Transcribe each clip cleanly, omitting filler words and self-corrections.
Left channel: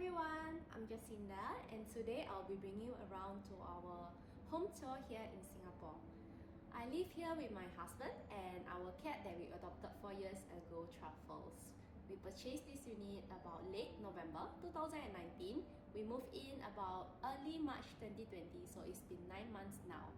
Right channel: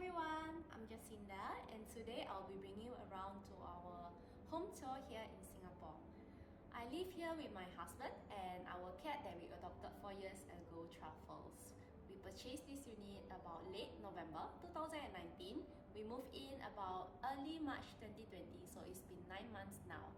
everyone, I'm Jacinda and today I'll be bringing you around to our home tour here in Singapore. I live here with my husband and our cat that we adopted 4 years ago, Truffles. We purchased this unit about late November 2019. We moved in about early March 2020, so it's been 9 months now.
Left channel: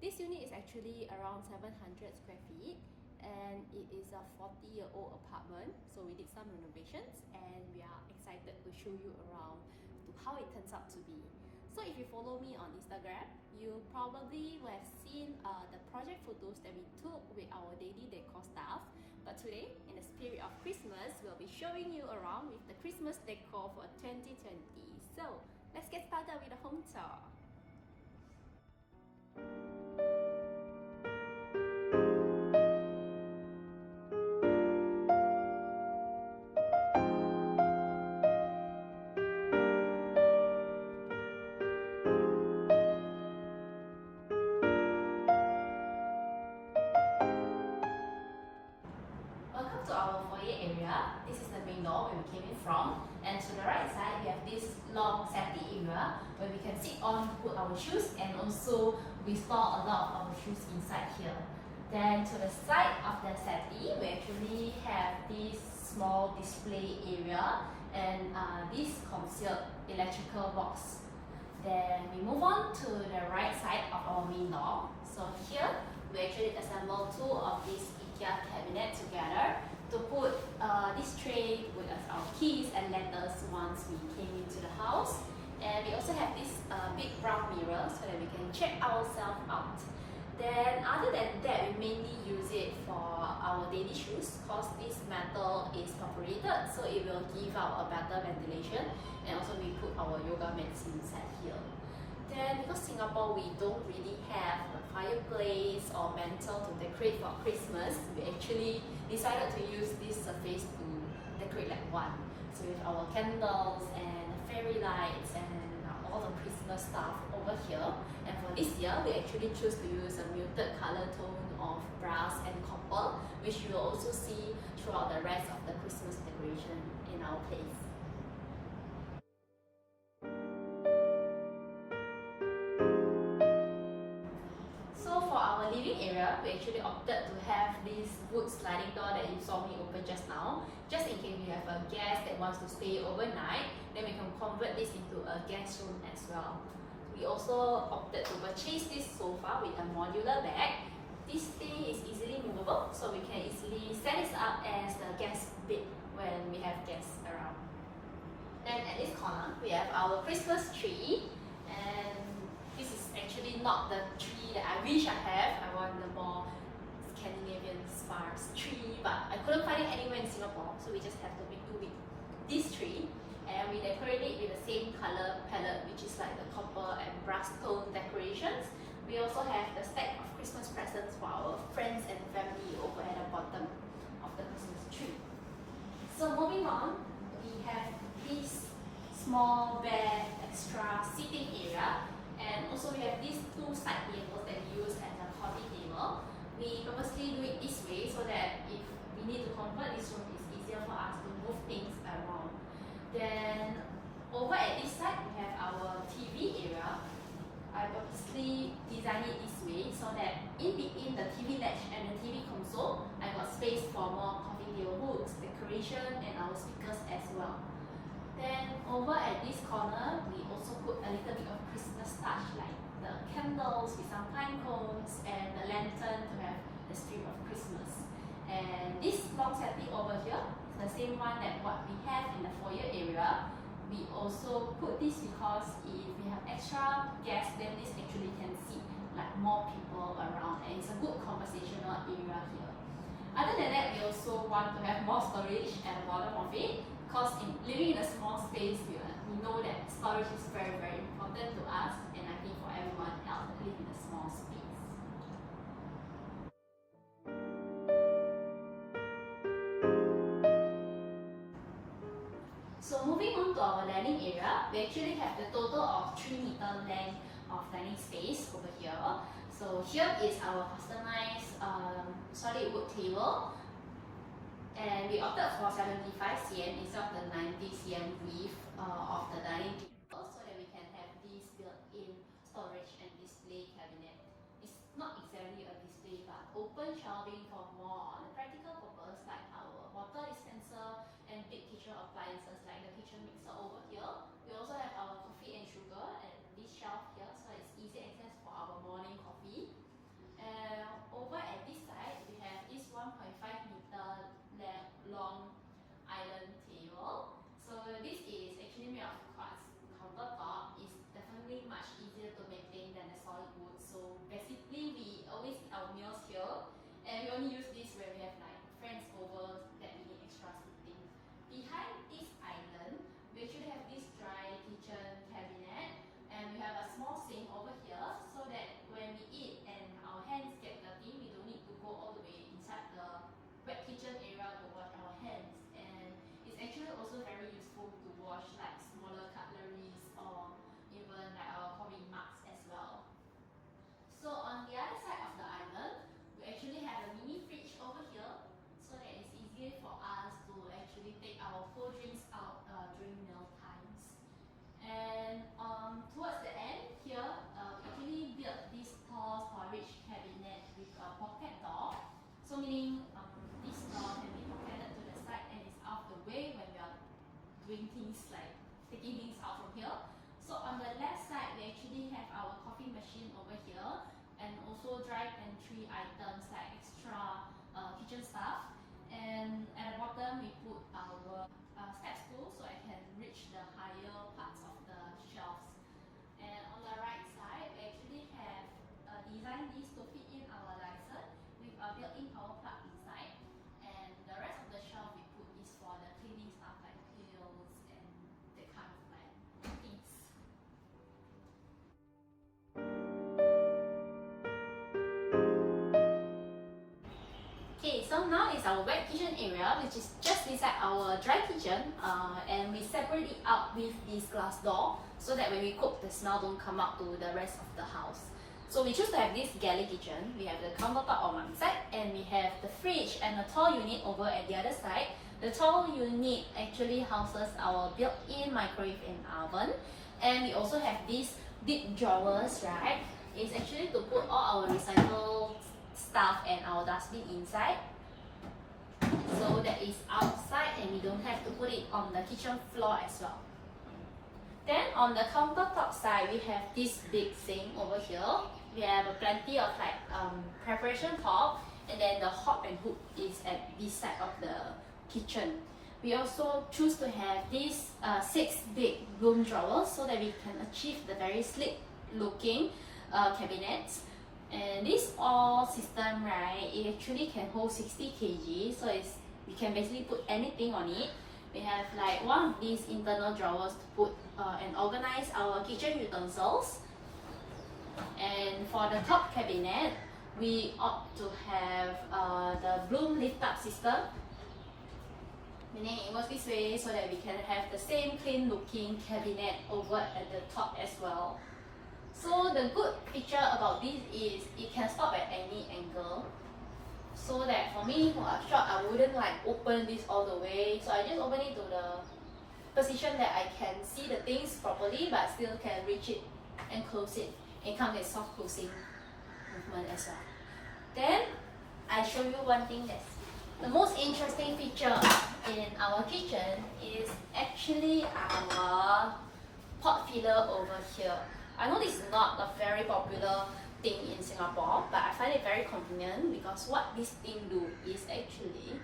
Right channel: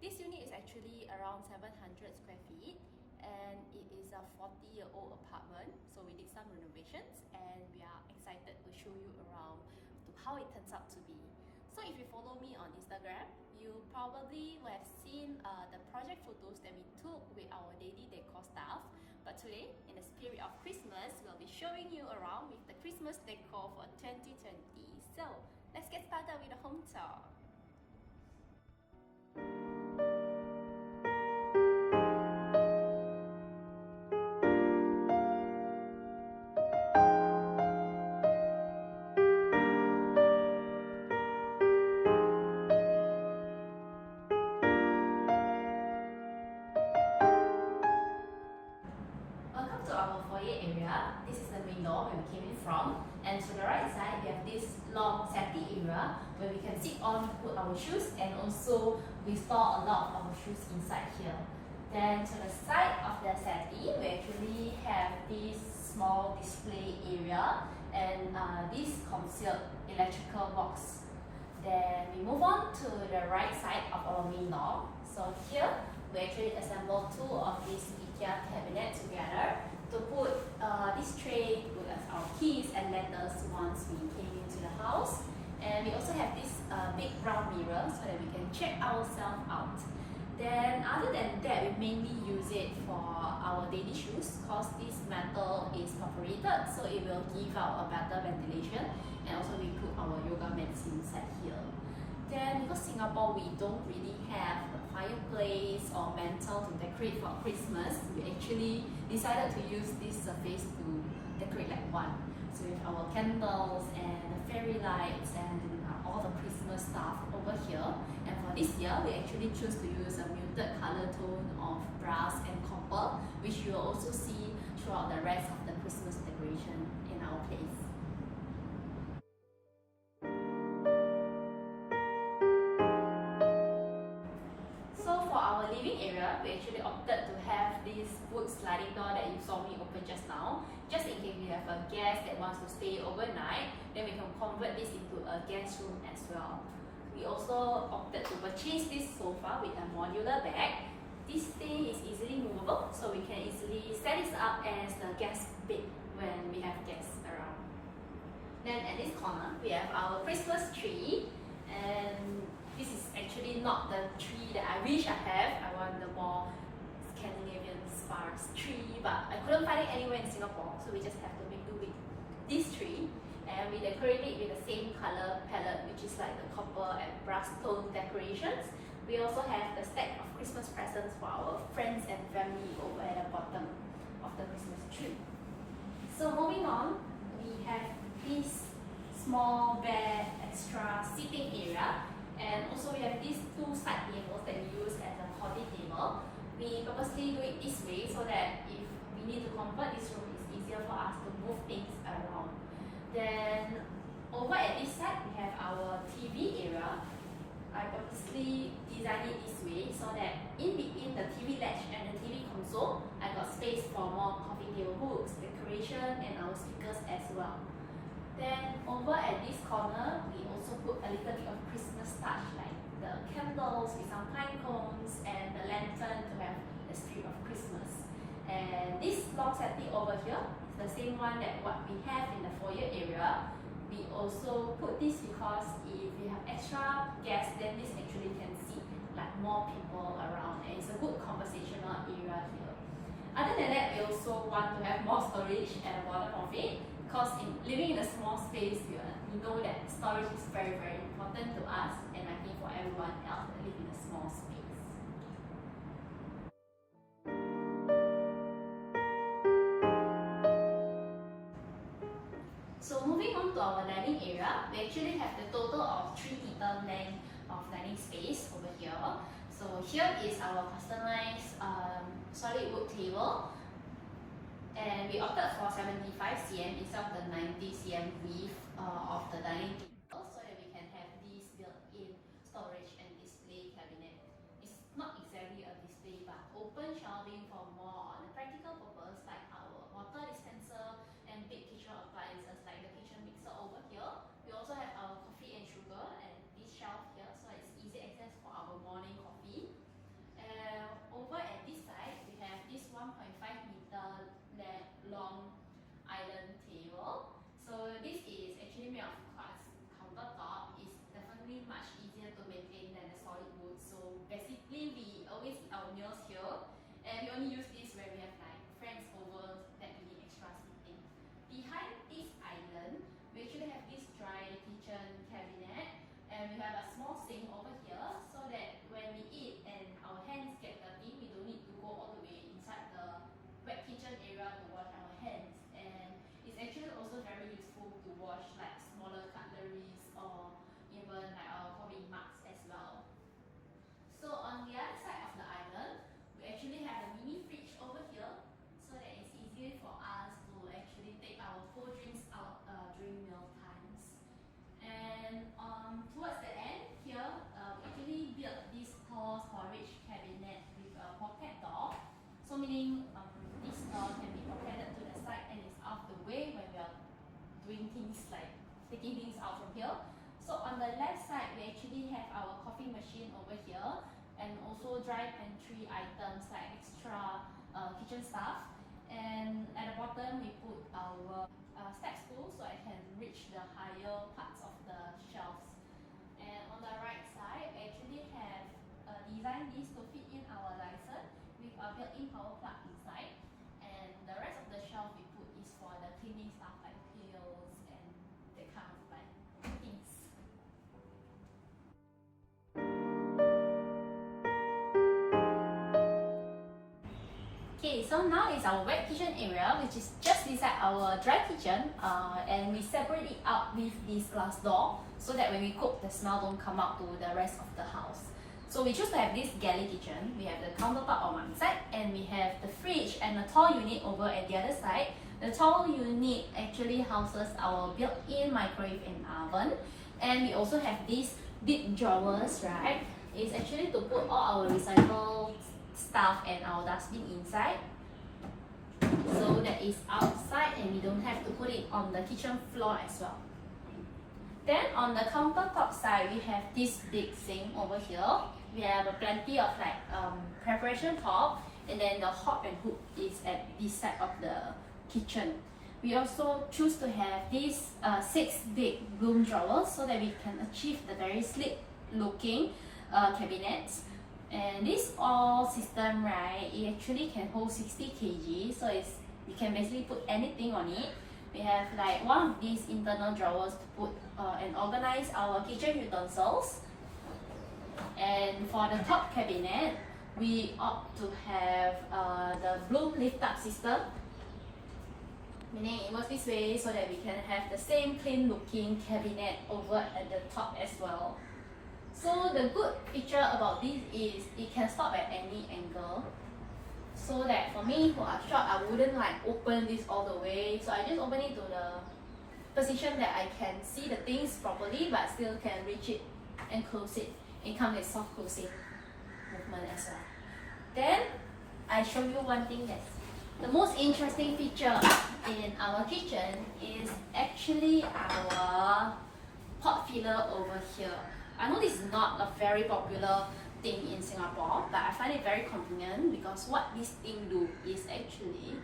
This unit is actually around 700 square feet and it is a 40-year-old apartment, so we did some renovations and we are excited to show you around to how it turns out to be. So if you follow me on Instagram, you probably will have seen the project photos that we took with our daily decor staff. But today, in the spirit of Christmas, we'll be showing you around with the Christmas decor for 2020. So let's get started with the home tour. Welcome to our foyer area. This is the main door where we came in from, and to the right side we have this long settee area where we can sit on, put our shoes, and also we store a lot of our shoes inside here. Then to the side of the settee we actually have this small display area and this concealed electrical box. Then we move on to the right side of our main door. So here we actually assemble two of these IKEA cabinet together to put this tray with our keys and letters once we came into the house. And we also have this big brown mirror so that we can check ourselves out. Then other than that, we mainly use it for our daily shoes because this metal is perforated, so it will give out a better ventilation, and also we put our yoga mats inside here. Then because Singapore we don't really have the fireplace or mantle to decorate for Christmas, we actually decided to use this surface to decorate like one. So with our candles and the fairy lights and all the Christmas stuff over here. And for this year, we actually choose to use a muted color tone of brass and copper, which you will also see throughout the rest of the Christmas decoration in our place. So for our living area, we actually opted to have this wood sliding door that you saw me open just now. Just in case we have a guest that wants to stay overnight, then we can convert this into a guest room as well. We also opted to purchase this sofa with a modular back. This thing is easily movable, so we can easily set this up as the guest bed when we have guests around. Then at this corner, we have our Christmas tree, and this is actually not the tree that I wish I have. I want the more Scandinavian sparse tree, but I couldn't find it anywhere in Singapore, so we just have to make do with this tree. And we decorate it with the same color palette, which is like the copper and brass tone decorations. We also have a stack of Christmas presents for our friends and family over at the bottom of the Christmas tree. So moving on, we have this small bed extra seating area, and also we have these two side tables that we use as a coffee table. We purposely do it this way so that if we need to convert this room, it's easier for us to move things around. Then over at this side, we have our TV area. I purposely designed it this way so that in between the TV ledge and the TV console, I got space for more coffee table books, decoration, and our speakers as well. Then over at this corner, we also put a little bit of Christmas touch, like the candles with some pine cones and the lantern to have the spirit of Christmas. And this long settee over here is the same one that what we have in the foyer area. We also put this because if we have extra guests, then this actually can seat like more people around, and it's a good conversational area here. Other than that, we also want to have more storage at the bottom of it, because living in a small space, we know that storage is very, very important to us, and I think for everyone else that live in a small space. So moving on to our dining area, we actually have the total of 3-meter length of dining space over here. So here is our customized solid wood table. And we opted for 75 cm instead of the 90 cm width of the dining table, so that we can have this built-in storage and display cabinet. It's not exactly a display, but open shelving for more on a practical purpose, like our water dispenser and big kitchen appliances like the kitchen mixer over here. We also have our coffee and sugar at this shelf here, so it's easy access for our morning coffee. And over at this side, we have this 1.5 meter long island table. So this is actually made of quartz countertop. It's definitely much easier to maintain than the solid wood. So basically, we always eat our meals here, and we only use this when we have like friends over that we need extra seating. Behind this island, we actually have this dry kitchen cabinet, and we have a small sink over here, so that when we eat and our hands get dirty, we don't need to go all the way inside the wet kitchen area to wash our hands. And it's actually also very useful to wash like smaller cutleries or even like our coffee mugs as well. So on the other side of the island, we actually have a mini fridge over here, so that it's easier for us to actually take our cold drinks out during meal times. And towards the end here, we actually built this tall storage cabinet with a pocket door. So meaning this door can be pocketed to the side and is out of the way when we are doing things like taking things out from here. So on the left side, we actually have our coffee machine over here, and also dry pantry items like extra kitchen stuff. And at the bottom, we put our step stool, so I can reach the higher parts of the shelves. And on the right side, we actually have designed this to fit in our license with a built-in power plug inside. And the rest of the shelf we put is for the cleaning stuff like pills and that kind of like things. Okay, so now is our wet kitchen area, which is just beside our dry kitchen, and we separate it out with this glass door, so that when we cook, the smell don't come out to the rest of the house. So we choose to have this galley kitchen. We have the countertop on one side, and we have the fridge and the tall unit over at the other side. The tall unit actually houses our built-in microwave and oven, and we also have these big drawers, right? It's actually to put all our recycled stuff and our dustbin inside, so that is outside and we don't have to put it on the kitchen floor as well. Then on the countertop side, we have this big sink over here. We have plenty of like preparation top, and then the hob and hook is at this side of the kitchen. We also choose to have these 6 big broom drawers, so that we can achieve the very sleek looking cabinets. And this all system, right, it actually can hold 60 kg, so we can basically put anything on it. We have like one of these internal drawers to put and organize our kitchen utensils. And for the top cabinet, we opt to have the broom lift up system, meaning it works this way so that we can have the same clean looking cabinet over at the top as well. So the good feature about this is it can stop at any angle, so that for me who are short, I wouldn't like open this all the way, so I just open it to the position that I can see the things properly but still can reach it and close it. It comes with soft closing movement as well. Then I show you one thing that's the most interesting feature in our kitchen is actually our pot filler over here. I know this is not a very popular thing in Singapore, but I find it very convenient, because what this thing do is actually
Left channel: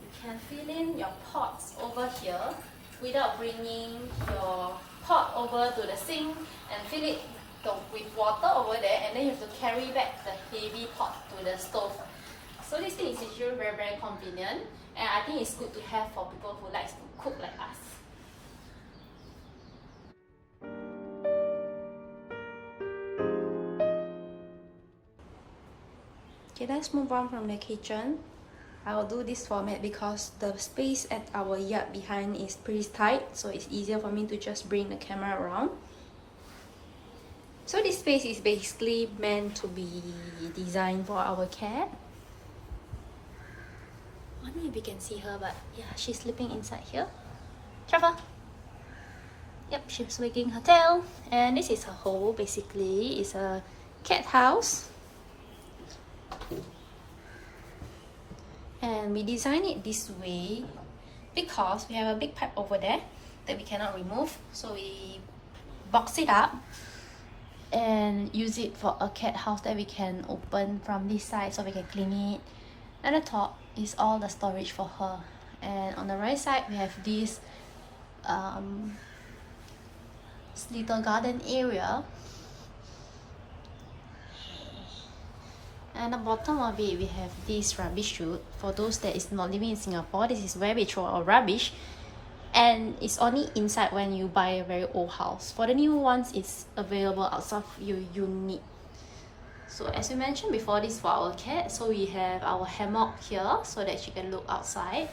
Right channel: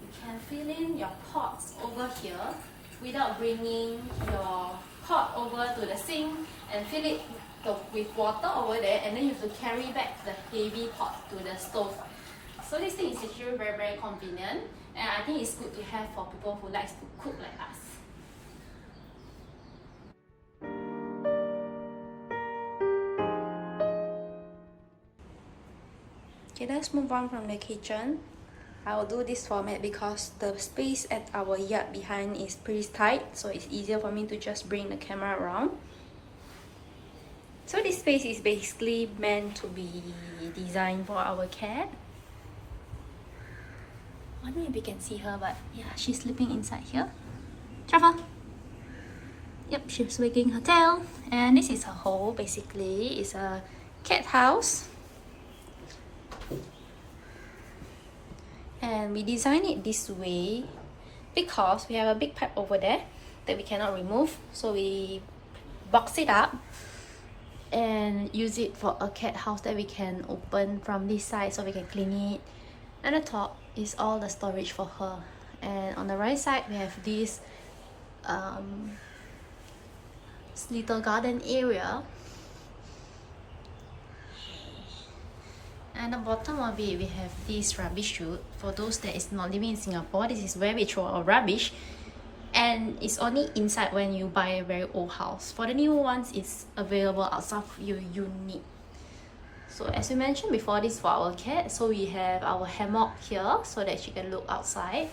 you can fill in your pots over here without bringing your pot over to the sink and fill it with water over there, and then you have to carry back the heavy pot to the stove. So this thing is actually very, very convenient, and I think it's good to have for people who likes to cook like us. Okay, let's move on from the kitchen. I will do this format because the space at our yard behind is pretty tight, so it's easier for me to just bring the camera around. So this space is basically meant to be designed for our cat. I don't know if you can see her, but yeah, she's sleeping inside here. Trevor! Yep, she's wagging her tail. And this is her hole, basically. It's a cat house. And we designed it this way because we have a big pipe over there that we cannot remove. So we box it up and use it for a cat house that we can open from this side so we can clean it. And the top is all the storage for her. And on the right side, we have this little garden area. And at the bottom of it, we have this rubbish chute. For those that is not living in Singapore, this is where we throw our rubbish. And it's only inside when you buy a very old house. For the new ones, it's available outside of your unit. So as we mentioned before, this is for our cat. So we have our hammock here so that she can look outside.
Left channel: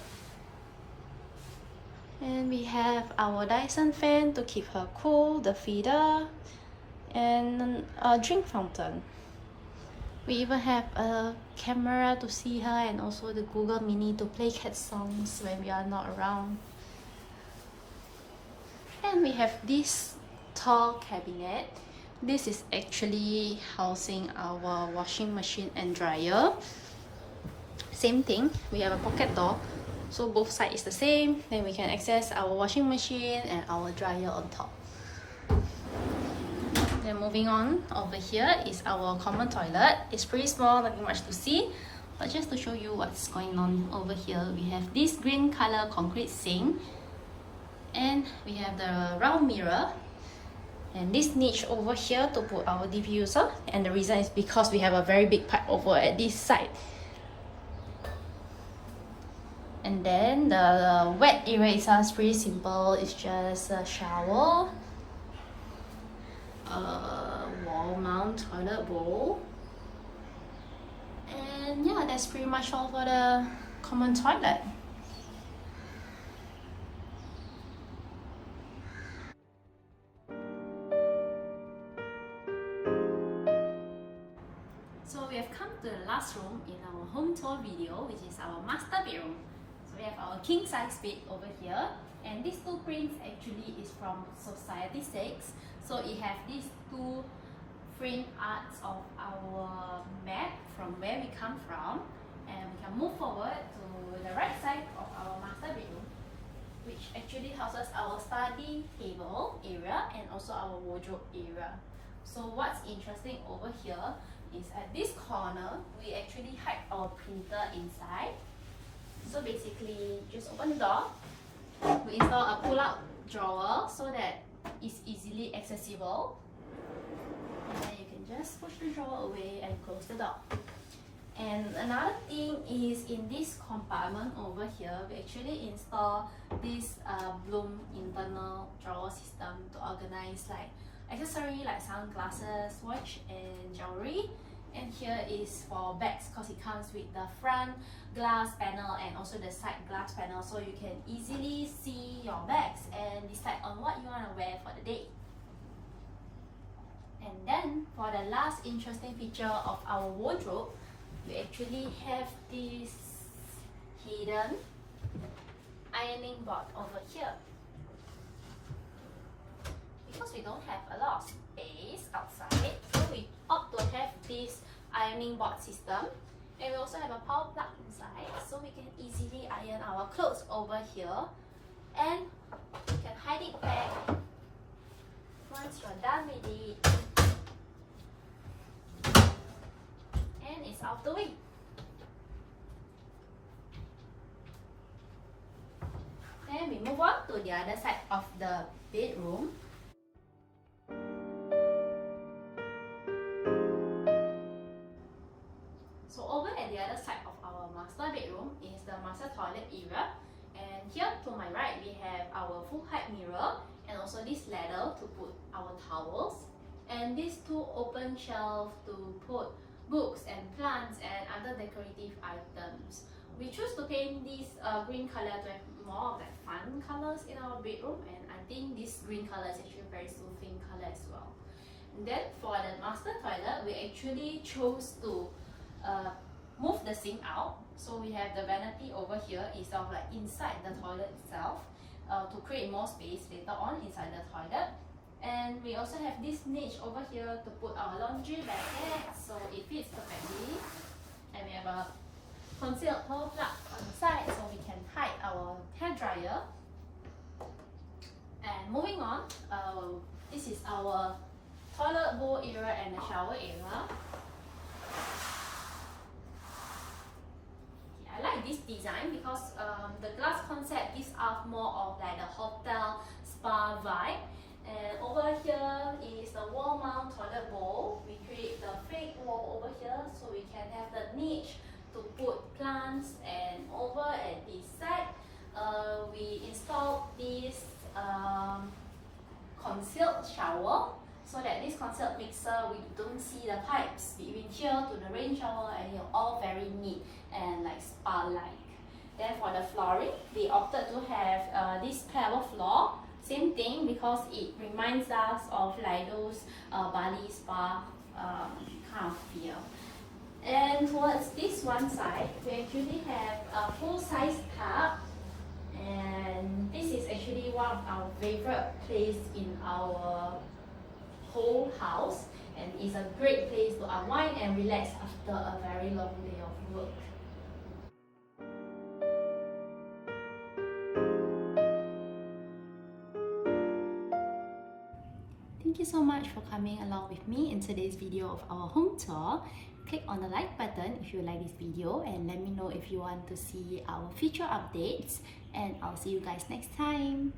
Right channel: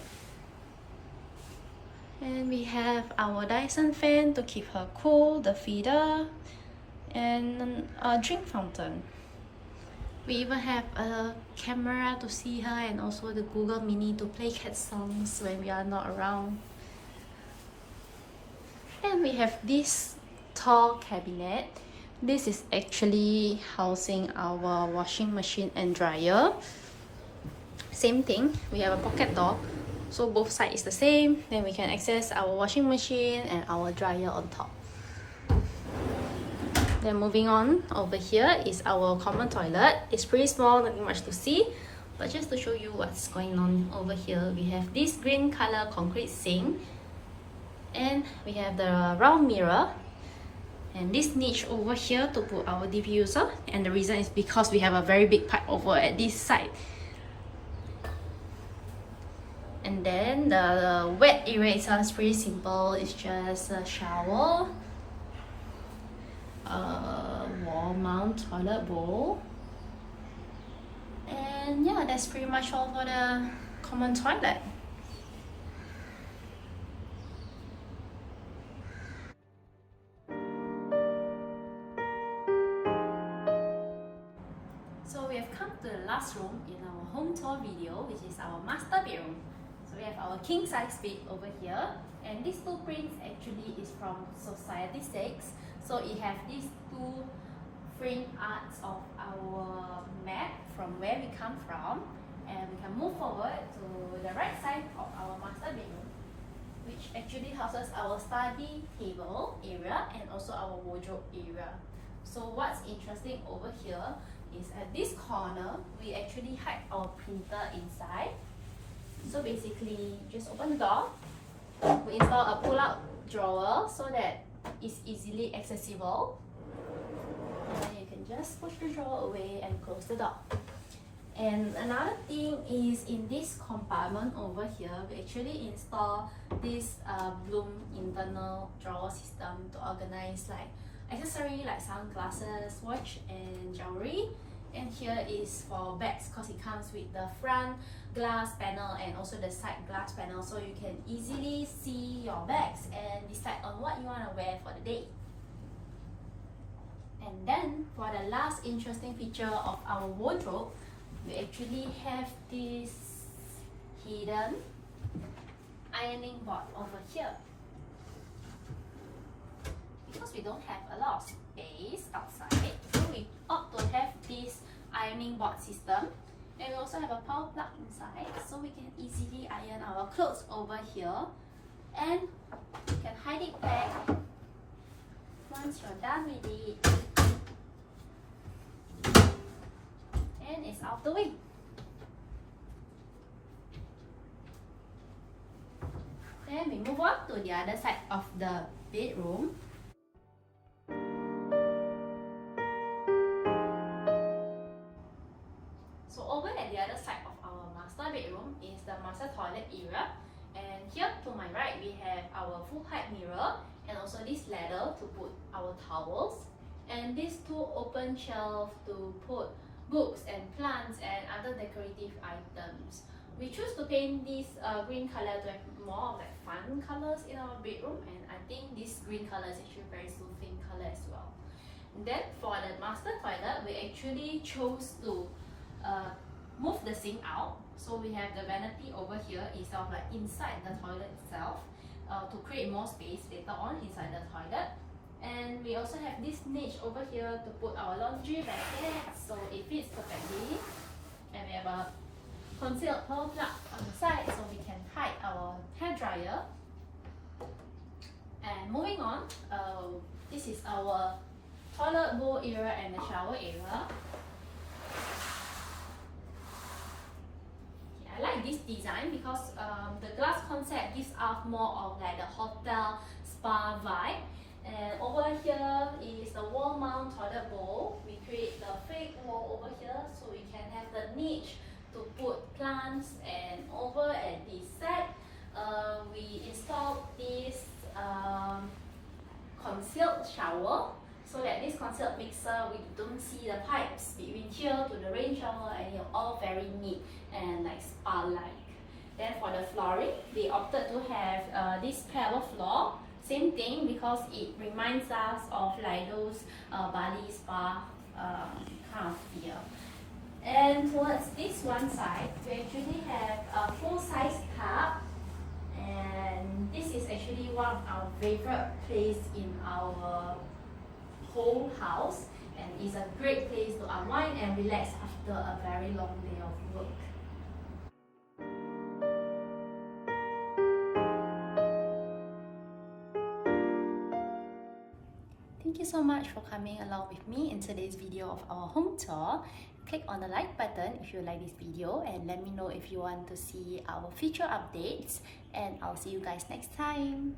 And we have our Dyson fan to keep her cool, the feeder, and a drink fountain. We even have a camera to see her and also the Google Mini to play cat songs when we are not around. And we have this tall cabinet. This is actually housing our washing machine and dryer. Same thing, we have a pocket door. So both sides is the same. Then we can access our washing machine and our dryer on top. Then moving on, over here is our common toilet. It's pretty small, nothing much to see. But just to show you what's going on over here, we have this green color concrete sink. And we have the round mirror. And this niche over here to put our diffuser. And the reason is because we have a very big pipe over at this side. And then the wet area itself is pretty simple. It's just a shower, a wall mount toilet bowl, and yeah, that's pretty much all for the common toilet. So we have come to the last room in our home tour video, which is our master bedroom. So we have our king size bed over here, and these two prints actually is from Society 6. So it has these two print arts of our map from where we come from, and we can move forward to the right side of our master bedroom, which actually houses our study table area and also our wardrobe area. So what's interesting over here is at this corner, we actually hide our printer inside. So basically, just open the door, we install a pull-out drawer so that it's easily accessible. And then you can just push the drawer away and close the door. And another thing is in this compartment over here, we actually install this Bloom internal drawer system to organize like accessory like sunglasses, watch and jewelry. And here is for bags because it comes with the front glass panel and also the side glass panel, so you can easily see your bags and decide on what you want to wear for the day. And then for the last interesting feature of our wardrobe, we actually have this hidden ironing board over here. Because we don't have a lot of space outside, so we opt to have this ironing board system. And we also have a power plug inside, so we can easily iron our clothes over here. And you can hide it back once you're done with it. And it's out the way. Then we move on to the other side of the bedroom. So over at the other side of our master bedroom is the master toilet area. And here to my right, we have our full height mirror and also this ladder to put our towels. And these two open shelves to put books and plants and other decorative items. We choose to paint this green color to have more of like fun colors in our bedroom, and I think this green color is actually very soothing color as well. And then for the master toilet, we actually chose to move the sink out So we have the vanity over here is of like inside the toilet itself to create more space later on inside the toilet. And we also have this niche over here to put our laundry basket, so it fits perfectly. And we have a concealed hole plug on the side so we can hide our hair dryer. And moving on, this is our toilet bowl area and the shower area. I like this design because the glass concept gives off more of like the hotel spa vibe. And over here is the wall mount toilet bowl. We create the fake wall over here so we can have the niche to put plants. And over at the side, we installed this concealed shower, so that this concealed mixer, we don't see the pipes between here to the rain shower, and it's all very neat and like spa-like. Then for the flooring, they opted to have this pebble floor. Same thing because it reminds us of like those Bali spa kind of feel. And towards this one side, we actually have a full-size tub. And this is actually one of our favorite place in our whole house, and it's a great place to unwind and relax after a very long day of work. Thank you so much for coming along with me in today's video of our home tour. Click on the like button if you like this video, and let me know if you want to see our future updates, and I'll see you guys next time.